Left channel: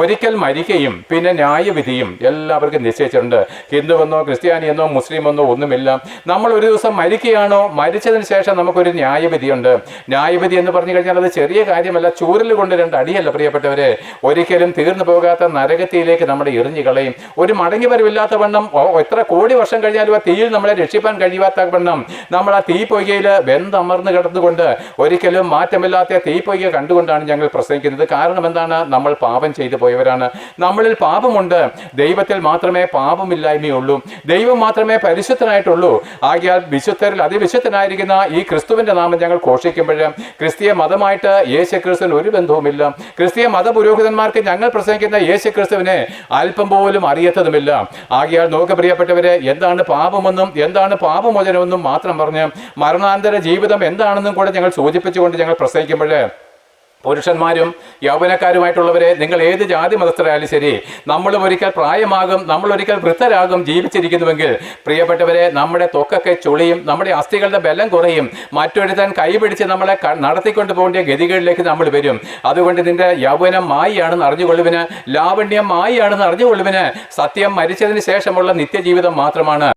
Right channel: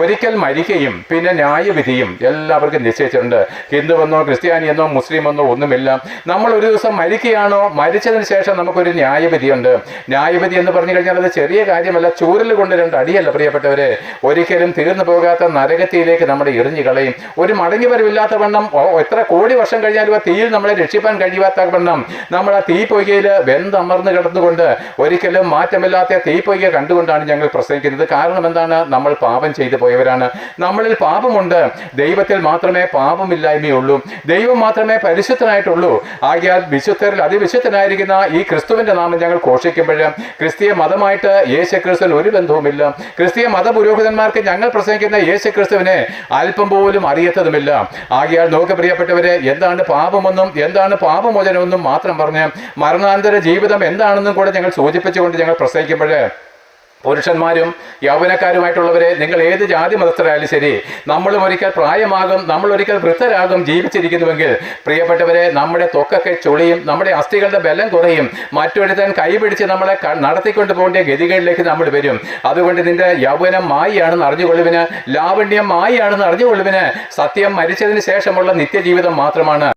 ഒരിക്കൽ മരിക്കുകയും പിന്നെ ന്യായവിധിയും എല്ലാവർക്കും നിശ്ചയിച്ചിട്ടുണ്ട്. ഹിന്ദുവെന്നോ ക്രിസ്ത്യാനിയെന്നോ മുസ്ലിമെന്നോ ഒന്നുമില്ല. നമ്മൾ ഒരു ദിവസം മരിക്കുകയാണോ, മരിച്ചതിന് ശേഷം നമുക്കൊരു ന്യായവിധിയുണ്ട്. ന്യായവിധി എന്ന് പറഞ്ഞു കഴിഞ്ഞാൽ അത് ചെറിയ കാര്യമല്ല, ചൂരൽ കൊണ്ട് 2 അടിയല്ല പ്രിയപ്പെട്ടവരെ. ഒരിക്കലും തീർന്നു പോകാത്ത നരകത്തിയിലേക്ക് നമ്മളെ എറിഞ്ഞു കളയും. ഒരു മടങ്ങി വരവില്ലാത്ത വണ്ണം എത്ര കോടി വർഷം കഴിഞ്ഞാലും ആ തീയിൽ നമ്മളെ രക്ഷിപ്പാൻ കഴിയാത്ത വണ്ണം നമ്മൾ ആ തീപ്പൊയ്കയിൽ വെന്തമർന്ന് കിടന്നുകൊണ്ട് ഒരിക്കലും മാറ്റമില്ലാത്ത തീപ്പൊയ്ക കണ്ടുകൊണ്ടാണ് ഞങ്ങൾ പ്രസംഗിക്കുന്നത്. കാരണം എന്താണ്? നമ്മൾ പാപം ചെയ്തു പോയവരാണ്. നമ്മളിൽ പാപമുണ്ട്. ദൈവത്തിൽ മാത്രമേ പാപമില്ലായ്മയുള്ളൂ. ദൈവം മാത്രമേ പരിശുദ്ധനായിട്ടുള്ളൂ. ആകയാൽ വിശുദ്ധരിൽ അതിവിശുദ്ധനായിരിക്കുന്ന ഈ ക്രിസ്തുവിന്റെ നാമം ഞങ്ങൾ ഘോഷിക്കുമ്പോൾ ക്രിസ്തീയ മതമായിട്ട് യേശുക്രിസ്തുവിന് ഒരു ബന്ധവുമില്ല. ക്രിസ്തീയ മതപുരോഹിതന്മാർക്ക് ഞങ്ങൾ പ്രസംഗിക്കുന്ന യേശുക്രിസ്തുവിനെ അല്പം പോലും അറിയത്തതുമില്ല. ആകയാൽ നോക്ക് പ്രിയപ്പെട്ടവരെ, എന്താണ് പാപമെന്നും എന്താണ് പാപമോചനമെന്നും മാത്രം പറഞ്ഞ് മരണാന്തര ജീവിതം എന്താണെന്നും കൂടെ ഞങ്ങൾ സൂചിപ്പിച്ചുകൊണ്ട് ഞങ്ങൾ പ്രസംഗിക്കുമ്പോൾ പുരുഷന്മാരും യൗവനക്കാരുമായിട്ടുള്ളവരെ, നിങ്ങൾ ഏത് ജാതി മതസ്ഥരായാലും ശരി, നമ്മളും ഒരിക്കൽ പ്രായമാകും, നമ്മളൊരിക്കൽ വൃദ്ധരാകും. ജീവിച്ചിരിക്കുന്നുവെങ്കിൽ പ്രിയപ്പെട്ടവരെ, നമ്മുടെ ത്വക്കൊക്കെ ചുളിയും, നമ്മുടെ അസ്ഥികളുടെ ബലം കുറയും, മറ്റൊരുത്തൻ കൈപിടിച്ച് നമ്മളെ നടത്തിക്കൊണ്ട് പോകേണ്ട ഗതികളിലേക്ക് നമ്മൾ വരും. അതുകൊണ്ട് നിന്റെ യൗവനം മായിയാണെന്ന് അറിഞ്ഞുകൊള്ളുവിന്, ലാവണ്യം മായിയാണെന്ന് അറിഞ്ഞുകൊള്ളുവിന്. സത്യം മരിച്ചതിന് ശേഷമുള്ള നിത്യജീവിതം മാത്രമാണ്.